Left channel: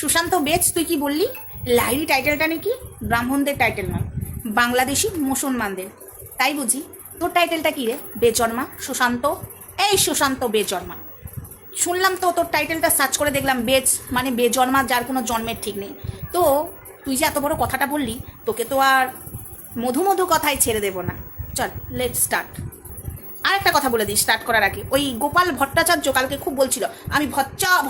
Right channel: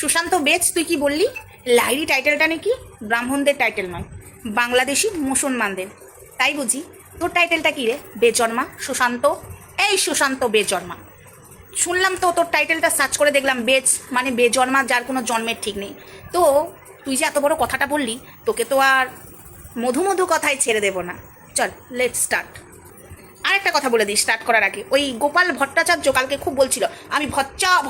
সুশান্ত বেচ, তুই কি বললি লাহিড়ী টাইটেলটা নাকি ব্রাহ্মণদের টাইটেল নয়, বাংলাদেশি মুসলমানদের, তাই বুঝি? তোর টাইটেলটা কি রে? বেজন্মা সুশান্ত। এই সুশান্ত বেজন্মা, শুনলাম তো তোর টাইটেলটা সার্চ করে দেখলাম বেজ মানে বেজন্মা, যার কোনো জন্মের ঠিক নেই। তো তুই যে এত বড় কথাটা বললি, তোকে তো আর মধু মধু কথায় ছেড়ে দেবো না। চল লেট স্টার্ট। আর একটা কথা বলে দিই স্টার্ট করার আগে, ওই গোপাল ভট্টাচার্য কালকে খুব বলছিল আমি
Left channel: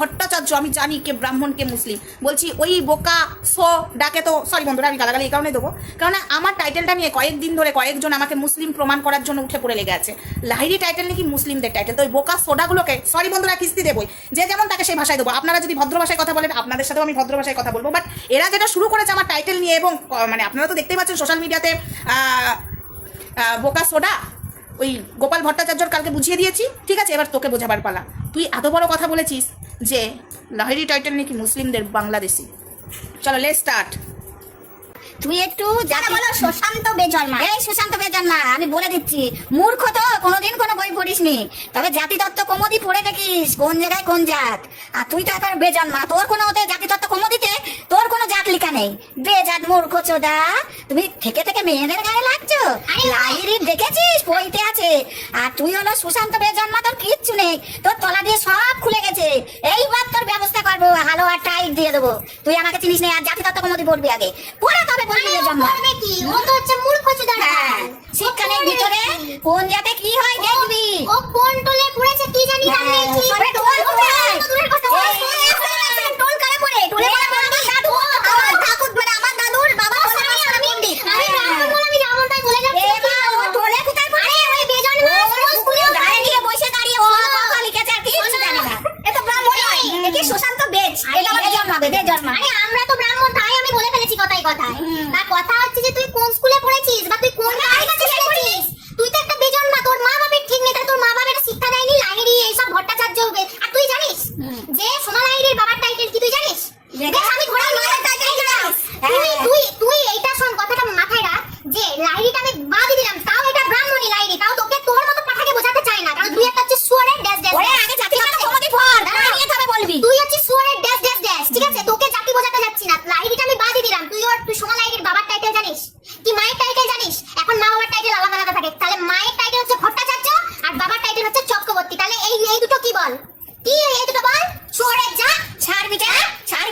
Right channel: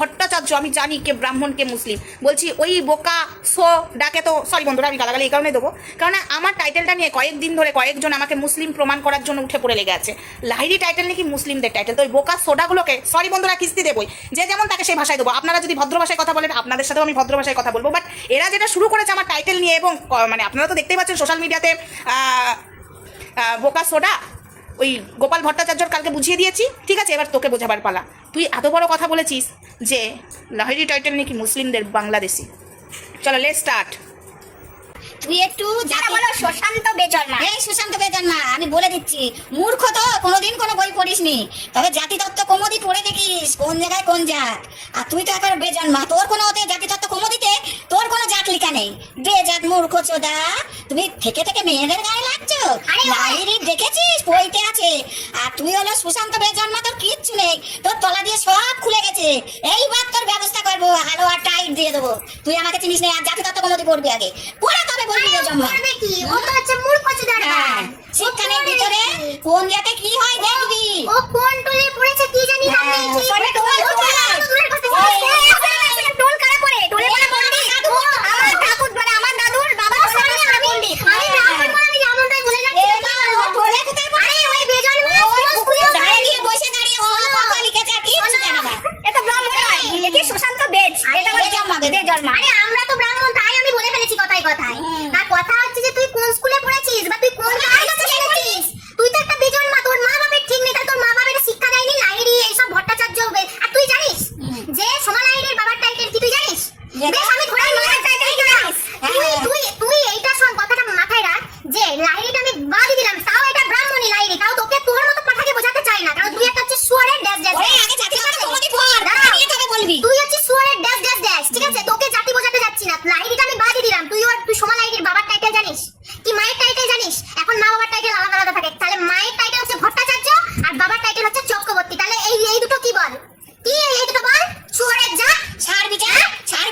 ভট্টাচার্য, আমি জানি কে ব্রাহ্মণ কে মুসলিম। বলছি ওই বোকা সো ডাকে তো, সরি বন্ধুরা আমি গালাগালি এই কারণে দেবো, কারণ আমার টাইটেলটা নিয়ে কয়েকদিন ধরে কয়েকজন আমাকে মুসলিম প্রমাণ করার জন্য উঠে পড়ে লেগে আছে। লাহিড়ী টাইটেল নাকি মুসলিমদের টাইটেল, তো ওই বোকা সোডাগুলোকে সরি বন্ধুরা কিস্তি দেবই, যে যেমন তাকে সেই ভাষায় দেবো। আপনারা যদি ভদ্র ভাষায় কথা বলেন আপনাদের সাথেও আমি ভদ্র ভাষায় কথা বলবো, বাট এরা যেটা শুরু করেছে আমার টাইটেল নিয়ে, এবং মানে আপনারা তো দেখতেই পাচ্ছেন সোশ্যাল মিডিয়াতে বোকা সোডা ওই গোপাল ভট্টাচার্যর কালকে বুঝিয়ে দিয়েছি, ঠিক আছে? এবার তোকে বোঝাবার পালা। তুই এত বড় কথা বলেছিস যে লাহিড়ী টাইটেল নাকি মুসলিমদের বাংলাদেশি। চলো লেটস স্টার্ট। তুই একটু যারা বলো সুশান্ত বেজন্মা, এই সুশান্ত বেজন্মা আমি বলে দিচ্ছি, মূর্খ তো কোনোদিন কোনো বই পড়িসনি, তবে জাতিতত্ত্ব কমোদি পড়ে দেখিস কোন জায়গায় কোন জাত। আর তুই তো একবার বেজন্মা, তোর কোনো ওতে জাতিতত্ত্ব কমোদিতে তোর কোনো জাত লেখা নেই। বেজাত মূর্খ চোদা, তুমি থেকে থেকে মেয়েদের গায়ে লাগছো। আরে লাহিড়ী দেখেছিস বইতে আছে, আর তুই হলো সুশান্ত বেজন্মা, তোর কিচ্ছু নেই, তোর তলা দিয়ে সব খুলে গেছে। এইবার তোর ব্যবস্থা করবো, হালো আর টাইট দিয়ে দেবো। তুই আমাকে চিনিস না, আর জাতিতত্ত্ব কমোদি পড়বি আগে, পড়া তবে করবে কি? ও তো হচ্ছে মূর্খ চোদা। শিক্ষানের ভিতরে কোন জাতে কি হয় দেখবি। ও কোন টোলে পড়েছে কি জানি, তাহলে কি করে টোল টোল কারা পড়ে? টোলে পড়ে পড়বি দাদু, আমার ঠাকুর মানে আমার দাদুর বাবা বলে আমি ব্রাহ্মণ বলে আমি ব্রাহ্মণটাই বলে যাচ্ছি। ও টোলে কোথায় পড়ে? ওই বেজন্মা স্কুলে দাঁড়িয়ে বসে দাঁড়িয়ে ও কথা লিখেছে, আর কিছু জানে না। এটা ব্রাহ্মণ নয়, এটা সুশান্ত বেজ, এটা আমার বেজন্মা। আরে আমরা তো ব্রাহ্মণ, তাই আমি বলে ফেলেছি কথায় কথায়। তার কথা হচ্ছে যে তুই কোন স্কুলে পড়েছিস বা তুই কোন জায়গায় পড়েছিস। তুই তো একটা বেজন্মা, তোর মা বাবার ঠিক নেই, তোর মা বাবার শিক্ষা দেয়নি লাহিড়ী এইসব ভট্টাচার্য। আর তুই জানিস যে সোমা লাহিড়ীর বাবার টাইটেল কি? তুই জানিস? আমি ঘোড়ার মাথার টাইটেল কি জানিস? তুই এইটা শোন, কথাটা মাথায় রাখ যে লাহিড়ীটা আমি বাদ দিলাম, তাও এটা ব্রাহ্মণী লাহিড়ী, তাও তোকে তোর মতো পাঠাকে বোঝাতে চাই না, কারণ তুই একটা হচ্ছে সুয়ারের ড্যাশ ড্যাশ। ওরে আগে জাতিগত কমতি পড়, তারপরে তবে বলবি। তুই হচ্ছে সুয়ারের ড্যাশ ড্যাশ ড্যাশ, ঠিক আছে? তোকে জাতি বোঝাতে যাচ্ছি না, লাহিড়ীটা আমি বাদ দিলাম। তুই সোমা লাহিড়ীর বাবার টাইটেল জানিস কি মায়ের টাইটেল জানিস? এখন মা বাবার টাইটেল আলাদা আলাদা থাকে, তাহলে মায়ের টাইটেল হচ্ছে ভট্টাচার্য আর বাবার টাইটেল হচ্ছে চক্রবর্তী। তাহলে এই দুটো কি বল? কি এই দুটো বল? সুয়ারের জাত ছাড়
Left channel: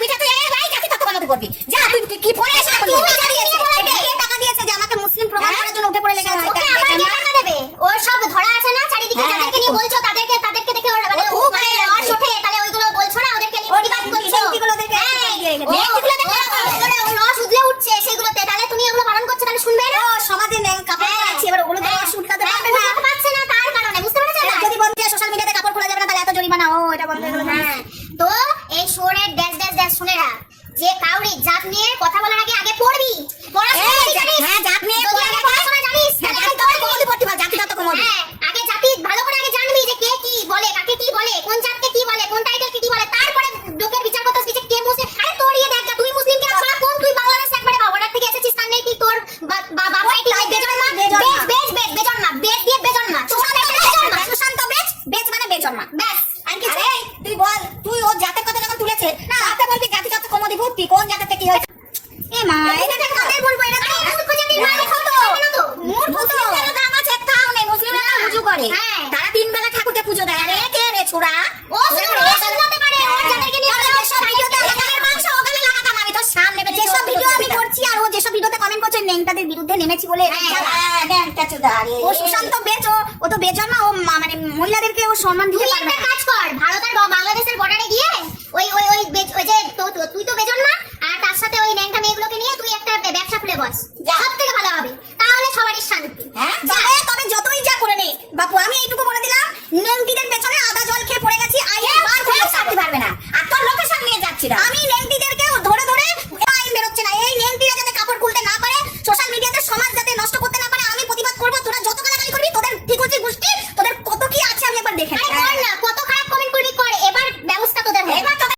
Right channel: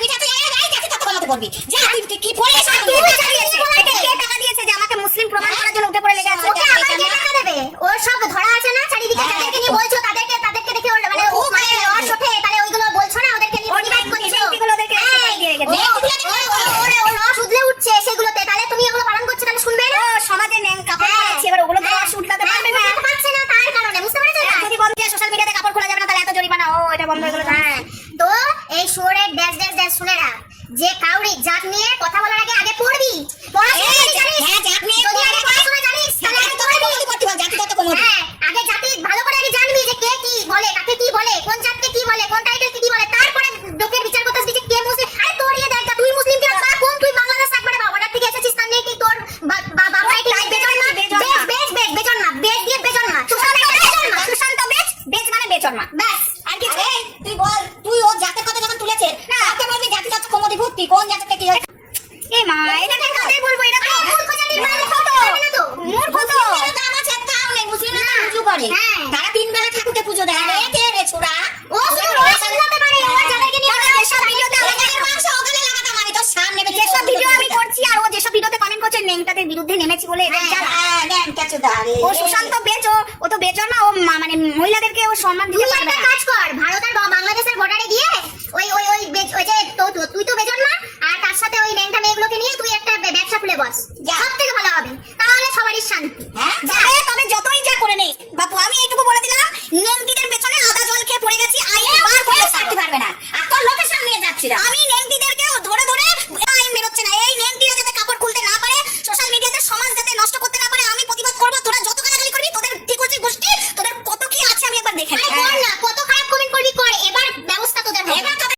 বিটা তুই এই ভাই জাতি তত্ত্ব কমাতে পড়বি। যা তুই কি পড়ে এসে তুই জানিস কে টাকা দিয়েছে যে আমাকে মুসলিম প্রমাণ করার জন্য উঠে পড়ে লেগে আছে? ওকে আবার কে টাকা দেবে? ওর সব ধরা আছে না চারিদিকে, যাদেরকে নিয়ে বলছো তাদেরকে দেখে ওর মানে ও মানে ওর সাথে, তাহলে ওইগুলো বলছো না, ওদেরকে নিয়ে প্রতিবাদ করছো, ওইগুলো ওদেরকে দিয়ে রেখেছে, ওইগুলো দেখো ওর রস উদলে উঠছে সেগুলোতে, তাহলে তুমি ওগুলো পালন করছো, তাহলে শুনবে না? সমাজে নেন কাপড় পরাচ্ছি, এবার ওগুলো দিয়ে রস উঠলাতে পারবে না, পারছে না, তার কারণে বুঝতে পেরেছো? যদি বন্ধ দিয়ে সোশ্যাল মিডিয়াতে কাপড় পরা যাবে না, তাহলে এত জরিমানা। ও এটা বন্ধ করে দাও। তো এই শোরের ড্যাশ ড্যাশ ড্যাশ শুনে রাখ, যে কাউরি জাত নিয়ে কথা বলার আগে পড়বি, পড়াশোনা জানিস? হ্যাঁ, জাত নিয়ে পড়াশোনা জানিস, তাহলে আমি তোর কমতি পড়তে পার, জাতি তত কমতি। হ্যাঁ, আগে জাতি ভালো করে আগে জানবি যে কে কি বলে, কাকে কি বলে, কোন জাতকে কি বলে, কোন টাইটেলকে কি বলে, তারপরে লোকের বিচার করতে আসবি যে কে মুসলিম। আরে তোর ইয়ে দেখ, তুই মুসলিম কিনা বা কোন, তুই বাংলাদেশ একবারে বাবাটার থেকে এসেছিস, তার নেই কি তোর বাবা টাইটেল বেজন্মা, বেজন্মা, বেজ দিয়ে বেজন্মা, সুশান্ত বেজ মানে বেজন্মা, ব্যাস। আর কি তুই বল, তুই ও জাতের কথা যখন তুলেছে না, আপনি বলবি জাতি তত কমতি ভর্তি, কোন জাতের থেকে হয়েছে? এ মা, এটা কাদের বলবো? এটা তো মূর্খ জাতির মানে কত মূর্খ তো আমার ছেতাও নেই, মুসলিমরা না পূজা করে, তারা তিন বেলা ঠাকুরকে পূজা দেয়। আরে কে রে ছোড়া, ও শুধু রস উঠাতে পারে, ও যাদেরকে নিয়ে যেসব ভিডিওতে আলাদার মাংস ওখানে লাগাতাম, আমি তো সামনে যেসব ভিডিও আমি করছি আর ও যেসব ভিডিওতে কমেন্ট করছে নেংটাদের বিরুদ্ধে নেমেছি বলে ও সুশান্ত বেজ, ও তো বেজন্মা, ও মানে মহিলাদেরকে ও সম্মান দিতে পারবে না।